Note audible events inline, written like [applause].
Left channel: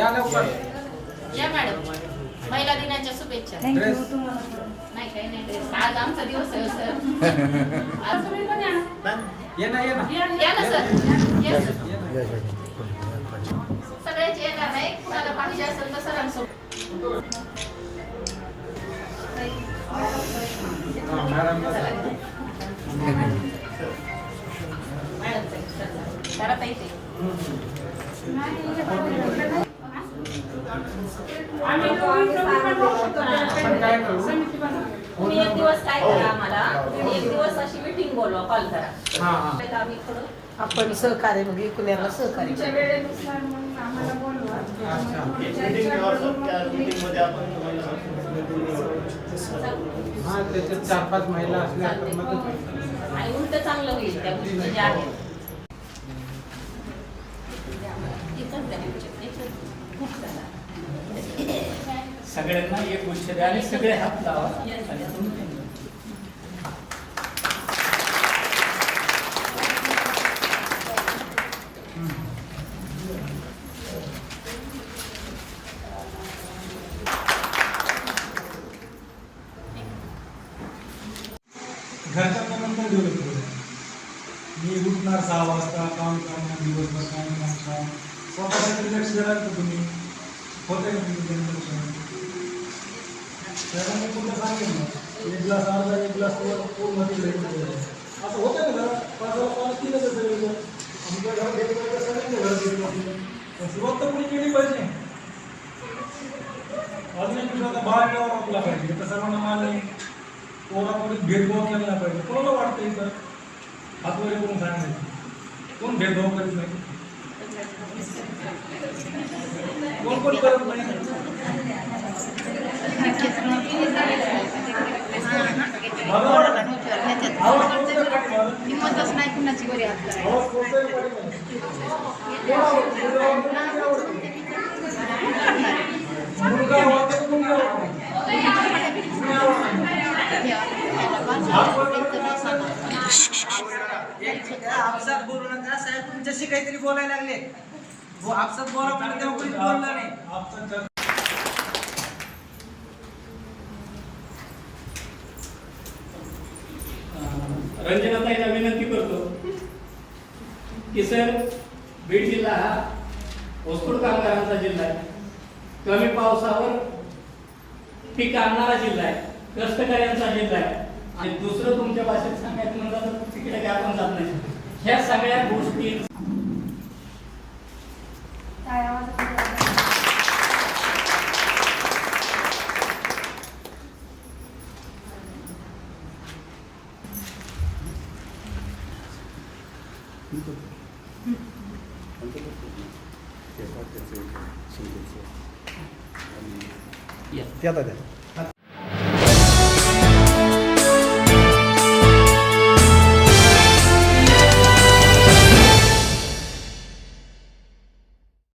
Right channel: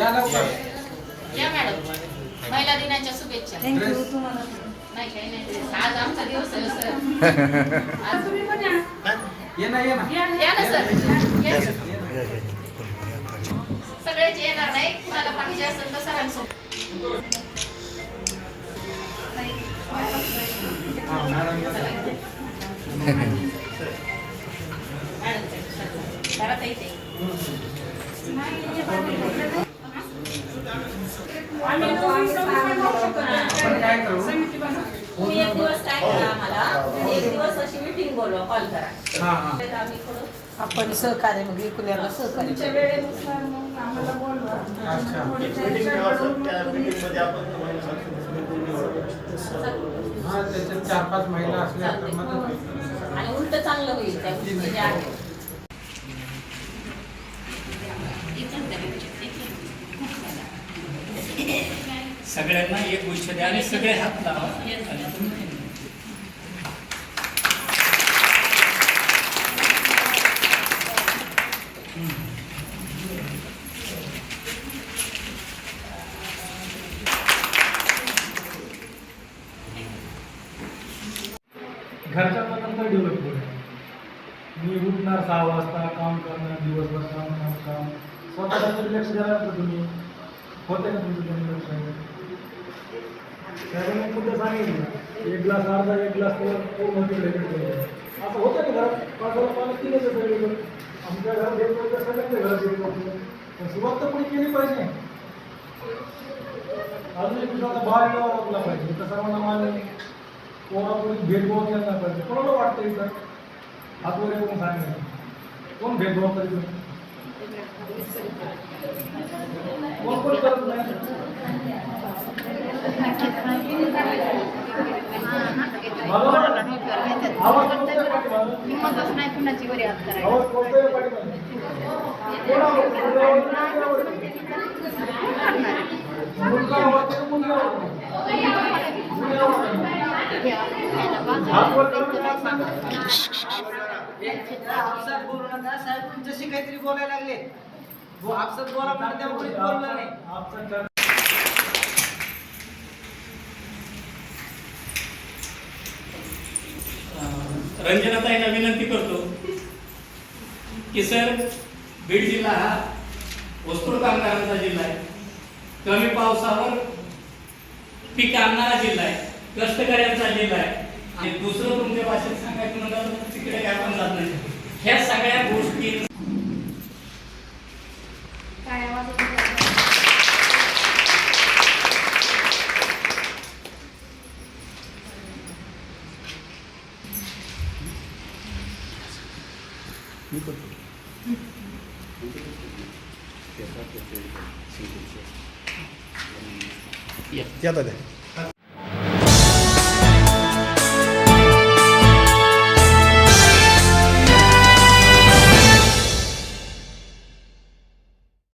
या लवकर. या मॅडम. महिला दिनाच्या शुभेच्छा. ड्रेस नाही काही नाही. आज आमचा दिवस आहे सर. [laughs] आज ये. ना ये ना. या ना. सर. या सर. सगळेच येणार नाही कुणाला पाहिजे असेल तर सरांसोबत. हा, मॅडम. जरा ताई ते. आपण काय करू तुम्ही एक दिवस काय करा आम्हाला. एक दिवस अशी मीटिंग बोलवा कॉल करा. तर आम्ही थोडं आपण सहकार्य सहकार्य. वेळेनुसार मग आपण हा मदत होईल आणि उलट चांगलं होईल त्या गोष्टी ज्या आहेत सगळ्यांना एक गोष्ट द्या आणि सगळे हात लावा आणि तुम्ही घरच्यांना नंतर डेव्हलप करू मी उठणार सहा वाजता काम करणार दिवसभर काम काम. काम स्वतःकडे लक्ष लागतं तुम्ही? होते का तुमचं त्याच्यामुळे कुठं सांगितलं एक ग्लास अर्धा एक ग्लास पूर्ण तिकडे असं होतं ना घरात पाचाला पाणी पिलं तर सगळं आमच्या घरात एक वेळेला सगळ्यांच्या घरात येत होतं. पण सुरुवात तर कोणी केली पाहिजे अजून एक विषय आता बाळ जेव्हा आपला पाहिजे तर सर्वांना मान्य आहे. कोणापुढे भेदभाव केला नाही पाहिजे कोणाला वाटतं इथं हातवरे करून सांगायचं कोण भेदभाव करीत नाही कोण कोण करत नाही आवडते? मुलगी आवडते. आपसात बोलू नका साहेब तुमच्याशी काहीतरी बोलायला लागले आपसात बोला म्हणलं नाही रंजनाताईंना विनंती करतो की सर बीड जिल्हा हा वस्तूर कामगारांचा जिल्हा आहे. कमी पावसावर पीक आणणारा जिल्हा आहे. कष्टकऱ्यांचा जिल्हा आहे. आणि दुसरं तुमच्या भाषेत सांगायचं म्हणलं तर तिकडे काय आपण जात नाही. ह्या सगळ्या गोष्टी या दादा